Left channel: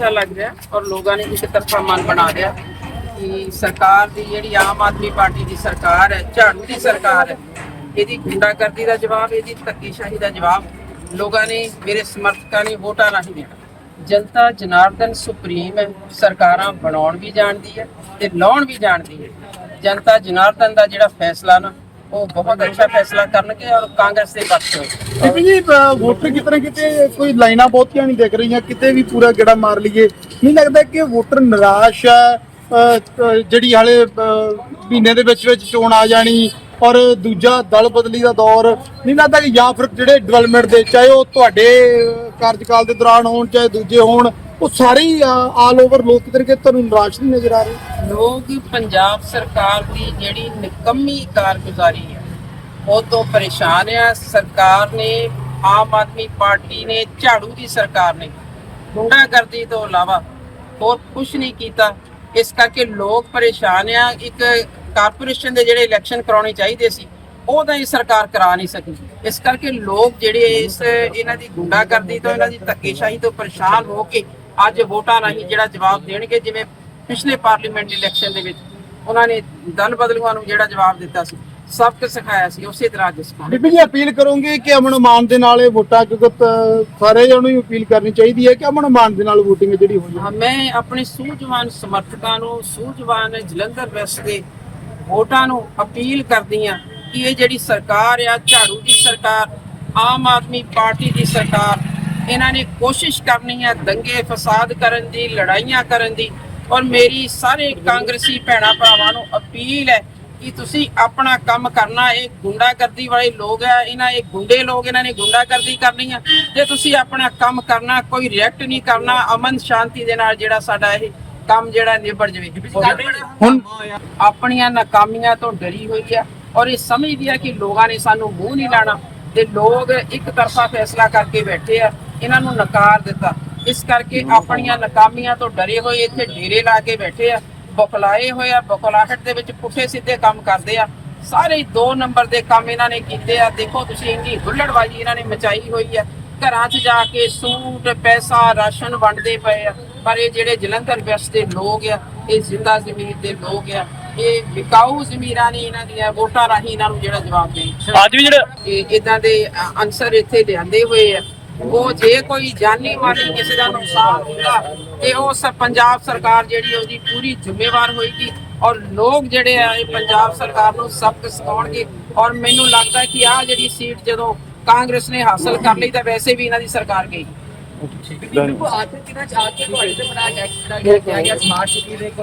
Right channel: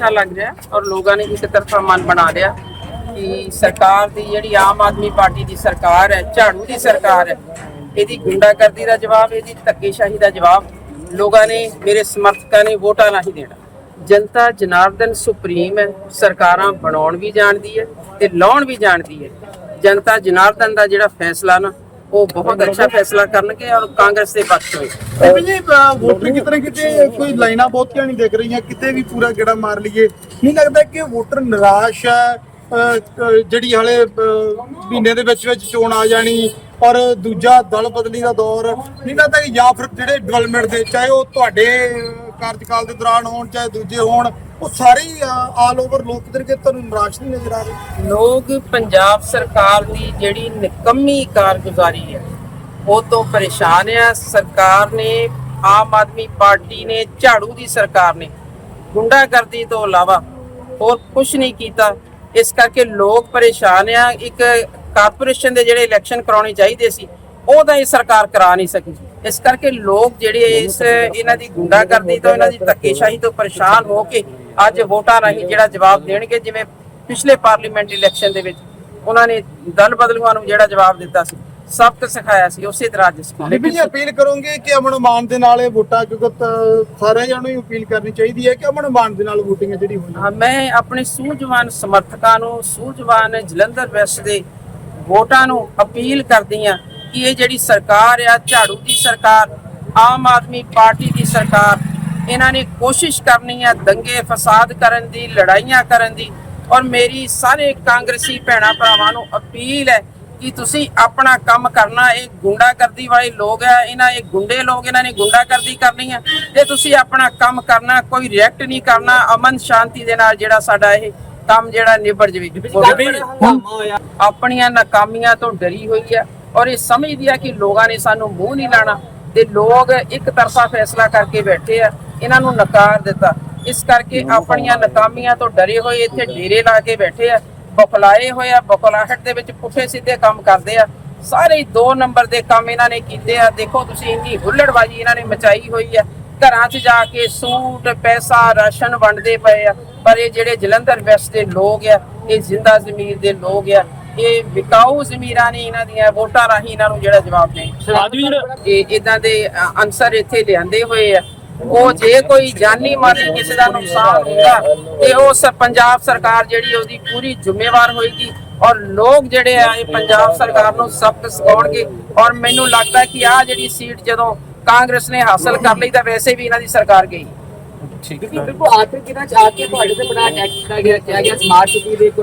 ਅੱਛਾ ਲੱਗ ਰਿਹਾ ਔਰ ਲੋਕਾਂ ਨੇ ਇੱਕ ਤਰਫਾ ਮਨ ਬਣਾ ਲਿਆ ਕਿ ਸਰਕਾਰ ਦੀ ਜਿਹੜੀ ਆਮ ਆਦਮੀ ਪਾਰਟੀ ਦੀ ਸਰਕਾਰ ਹੈ, ਝਾੜੂ ਦੀ ਸਰਕਾਰ ਹੈ, ਇਹਦੀ ਗੁੰਡਾਗਰਦੀ ਦਾ ਜਵਾਬ, ਇਹਦੀ ਧੱਕੇਸ਼ਾਹੀ ਦਾ ਜਵਾਬ ਲੋਕਾਂ ਨੇ, ਮੇਰੇ ਸਮਰਥਕਾਂ ਨੇ ਵੋਟਾਂ ਰਾਹੀਂ ਦੇਣਾ। ਜਨਤਾ ਜਨਾਰਦਨ ਸੁਪਰੀਮ ਹੈ, ਸਰਕਾਰਾਂ ਬਣਾਉਣ ਵੀ ਜਾਣਦੀ ਹੈ ਤੇ ਲਾਉਣ ਵੀ ਜਾਣਦੀ ਹੈ। ਜਨਤਾ ਜਨਾਰਦਨ ਦਾ ਜਿਹੜਾ ਫੈਸਲਾ ਨਾ ਉਹ ਬਹੁਤ ਅੱਛਾ ਫੈਸਲਾ ਕਰਨਗੇ ਔਰ ਕਾਂਗਰਸ ਦੇ ਪੱਖ ਹੋਏ ਬੀਬੀ ਜੀ ਵੋਟਰ ਕਿਤਨੇ ਕਿਤੇ ਕੋਈ ਲਾਈਨਾਂ ਬਹੁਤੀਆਂ ਨਹੀਂ ਦਿਖ ਰਹੀਆਂ, ਕਿਤੇ ਵੀ ਪੂਰਾ ਗੇੜਾ ਮਾਰ ਲਈਏ। ਨਹੀਂ ਲੱਗਦਾ ਕਿ ਵੋਟਰ ਨਿਰਾਸ਼ ਹੈ ਜਿਹੜੀ ਹਾਲੇ ਮਹੀਨੇ ਦੇ ਵਿੱਚ ਵਿੱਚ ਚੋਣ ਆ ਜਾਣੀ ਔਰ ਦੂਜਾ ਦਲ ਬਦਲੀ ਦਾ ਦੌਰ। ਨਹੀਂ ਲੱਗਦਾ ਕਿ ਜਾਂ ਫਿਰ ਜਿਹੜੇ ਡਿਵੈਲਪਮੈਂਟ ਦੇ, ਚਾਹੇ ਉਹ ਤੁਹਾਡੇ ਕਾਰਜਕਾਲ ਦੇ ਦੌਰਾਨ ਹੋਣ, ਚਾਹੇ ਦੂਜੇ ਹੋਣ ਉਹ ਸਾਰੇ ਆਲ ਓਵਰ ਲੋਕ ਕਿਤੇ ਤੁਹਾਨੂੰ ਨਿਰਾਸ਼ ਨਹੀਂ ਨਜ਼ਰ ਆ ਰਹੇ? ਲੋਕ ਪੰਜਾਬ ਸਰਕਾਰ ਦੀ ਜਿਹੜੀ ਨਿਕੰਮੀ ਕਾਰਗੁਜ਼ਾਰੀ ਹੈ, ਉਹ ਤੋਂ ਪਰੇਸ਼ਾਨ ਆ। ਸਰਕਾਰ ਨੇ, ਆਮ ਆਦਮੀ ਪਾਰਟੀ ਨੇ, ਝਾੜੂ ਦੀ ਸਰਕਾਰ ਨੇ ਗੁੰਡਾਗਰਦੀ ਤੋਂ ਇਲਾਵਾ ਹੋਰ ਕੁਝ ਨਹੀਂ ਕੀਤਾ। ਇਸ ਕਰਕੇ ਲੋਕ ਪਰੇਸ਼ਾਨ ਆ। ਇੱਕ ਕਾਰਪੋਰੇਸ਼ਨ ਦੇ ਜਿਹੜੇ ਇਲੈਕਸ਼ਨ ਕਰਾਉਣੇ ਚਾਹੀਦੇ ਸੀ, ਉਹ ਤਾਂ ਇਹ ਸਰਕਾਰ ਕਰਾ ਨਹੀਂ ਸਕੀ। ਇਸ ਕਰਕੇ ਲੋਕ ਜਿਹੜੇ ਇਸ, ਇਹਨਾਂ ਦੀ ਗੁੰਡਾਗਰਦੀ ਤੋਂ, ਇਹਨਾਂ ਦੀ ਧੱਕੇਸ਼ਾਹੀ ਤੋਂ ਪਰੇਸ਼ਾਨ ਹੋ ਕੇ ਅੱਜ ਵੋਟਾਂ ਰਾਹੀਂ ਜਿਹੜਾ ਜਵਾਬ ਦੇਣਗੇ ਜਿਵੇਂ ਪਿਛਲੇ ਪਾਰਲੀਮੈਂਟ ਇਲੈਕਸ਼ਨ ਦੇ ਵਿੱਚ ਉਹਨਾਂ ਨੇ ਦਲ ਬਦਲੂਆਂ ਨੂੰ ਜਿਹੜਾ ਜਵਾਬ ਦਿੱਤਾ ਸੀ ਸਬਕ ਸਿਖਾਇਆ ਸੀ ਉਸੇ ਤਰ੍ਹਾਂ ਅੱਜ ਸਿਖਾਉਣਗੇ ਬੀਬੀ ਜੀ ਅਪੀਲ ਕਰੋਗੇ ਕਿ ਅਮਨ ਮਾਨ ਦੇ ਨਾਲ ਇਹ ਵੋਟਾਂ ਕਿਉਂਕਿ ਸਾਰੇ ਜਣੋਂ ਹੀ ਅਪੀਲ ਕਰਨੀ ਚਾਹੀਦੀ ਹੈ ਕਿ ਅਮਨ ਮਾਨ ਦੇ ਨਾਲ VOTING ਜਿਹੜੀ ਹੋਈ ਹਾਂ, ਮੈਂ ਆਪਣੇ ਸੂਝਵਾਨ ਸਮਰਥਕਾਂ ਨੂੰ ਸੂਝਵਾਨ ਜਲੰਧਰ ਵੈਸਟ ਦੇ ਵੋਟਾਂ ਨੂੰ ਅਪੀਲ ਕਰਦੀ ਆ ਕਿ ਇਹ ਜਿਹੜੀ ਸਰਕਾਰ ਆ ਝਾੜੂ ਦੀ ਸਰਕਾਰ ਆਮ ਆਦਮੀ ਪਾਰਟੀ ਦੀ ਸਰਕਾਰ ਇਹਨਾਂ ਨੇ ਕੋਸ਼ਿਸ਼ ਕਰਨੀ ਆ ਦੰਗੇ ਫਸਾਦ ਕਰਨ ਦੀ ਲੜਾਈਆਂ ਕਰਨ ਦੀ ਔਰ ਮੇਰੀ ਸਾਰੇ ਕਾਂਗਰਸੀ ਭੈਣਾਂ ਭਰਾਵਾਂ ਨੂੰ ਅਪੀਲ ਹੈ ਕਿ ਤੁਸੀਂ ਆਪਣਾ ਕੰਮ ਕਰਨਾ ਇਹ ਗੁੰਡਾਗਰਦੀ ਵਾਲੇ ਲੋਕ ਆ ਇਹਨਾਂ ਇਹ ਗੁੰਡੇ ਲੋਕ ਇਹਨਾਂ ਨੇ ਗੁੰਡਾਗਰਦੀ ਕਰਨੀ ਆ ਜੇ ਤੁਸੀਂ ਆਪਣਾ ਕੰਮ ਕਰਨਾ ਕੋਈ ਰਿਐਕਟ ਨਹੀਂ ਕਰਨਾ ਅਮਨ ਸ਼ਾਂਤੀ ਦੇ ਨਾਲ ਜਿਹੜਾ ਸਾਡਾ ਇਹ ਕੰਮ ਜਿਹੜਾ ਨਿਬੜ ਜਵੇ। ਹੁਣ ਆਪਣੀਆਂ ਨਾਕਾਮੀਆਂ ਤੋਂ ਡਰੀ ਹੋਈ ਆ ਔਰ ਇਹ ਸਮਝਦੀ ਆ ਕਿ ਲੋਕਾਂ ਨੇ ਸਾਨੂੰ ਮੂੰਹ ਨਹੀਂ ਲਾਣਾ ਤੇ ਲੋਕ ਇੱਕ ਤਰਫਾ ਫੈਸਲਾ ਕਰਕੇ ਬੈਠੇ ਆ। ਇਹਨਾਂ ਨੂੰ ਨਕਾਰ ਦਿੱਤਾ। ਇਸ ਕਰਕੇ ਆਪਣੀਆਂ ਨਾਕਾਮੀਆਂ ਤੋਂ ਡਰੇ ਹੋਏ ਇੱਥੇ ਡੇਰੇ ਲਾ ਕੇ ਬੈਠੇ ਆ ਬੁਖਲਾਏ ਹੋਏ ਆ ਬੁਖਲਾਹਟ ਦੇ ਵਿੱਚ ਪੁੱਠੇ ਸਿੱਧੇ ਕੰਮ ਕਰਦੇ ਆ। ਸਾਰੇ ਦੋ ਨੰਬਰ ਦੇ ਕੰਮ ਇਹਨਾਂ ਨੇ ਕੀਤੇ ਆ। ਦੇਖੋ ਤੁਸੀਂ ਇੰਨੀ ਹੁੱਲੜਬਾਜੀ ਇਹਨਾਂ ਨੇ ਮਚਾਈ ਹੋਈ ਆ। ਘਰਾਂ 'ਚ ਜਾ ਕੇ ਸੂਟ ਪੈਸਾ ਰਾਸ਼ਨ ਵੰਡਦੇ ਪਏ ਆ। ਪਰ ਇਹ ਜਿਹੜੇ ਜਲੰਧਰ ਵੈਸਟ ਦੇ ਲੋਕ ਆ ਇਹ ਜ਼ਿੰਦਾ ਜ਼ਮੀਰ ਦੇ ਲੋਕ ਆ। ਇਹ ਵਿਕਾਊ ਜ਼ਮੀਰਾਂ ਨੇ ਇਹਨਾਂ ਦੀਆਂ ਵੋਟਾਂ ਰਾਹੀਂ ਇਹਨਾਂ ਨੂੰ ਜਿਹੜਾ ਜਵਾਬ ਦੇਣ। ਅੱਜ ਵੀ ਜਿਹੜਾ ਇਹ ਇਦਾਂ ਦੇ ਅਨਸਰ ਇੱਥੇ ਲਿਆਂਦੇ ਹੋਏ ਆ। ਉਹ ਜੇ ਕੋਈ ਜਾਨੀ ਮਾਲੀ ਕਿਸੇ ਦਾ ਨੁਕਸਾਨ ਹੁੰਦਾ ਤੇ ਉਹ ਸ ਪੰਜਾਬ ਸਰਕਾਰ ਜਿਹੜੀ ਉਹਦੀ ਪੂਰੀ ਜ਼ਿੰਮੇਵਾਰ ਹੋਏਗੀ ਔਰ ਲੋਕ ਜਿਹੜੇ ਆ ਇਹ ਪੰਜਾਬ ਸਰਕਾਰ ਨੂੰ ਸਬਕ ਸਿਖਾਉਣਗੇ ਔਰ ਮੈਨੂੰ ਲੱਗਦਾ ਕਿ ਆ ਜਿਹੜੀ ਸੀਟ ਜਦੋਂ ਕਾਂਗਰਸ ਨੇ ਹਾਸਲ ਕਰ ਲਈ ਤਾਂ ਵੈਸੇ ਵੀ ਇਹਨਾਂ ਦੀ ਸਰਕਾਰ ਗਈ। ਬਿਲਕੁਲ ਆਖਿਰ ਕਿਹਨਾਂ ਚਾਹ ਕੇ ਤੁਹਾਡੇ ਤੇ ਬਣਾ ਗਿਆ ਕਿਹਾ ਗਿਆ ਸਮਾਰਟ ਸਿਟੀ ਦੇ ਇੱਕ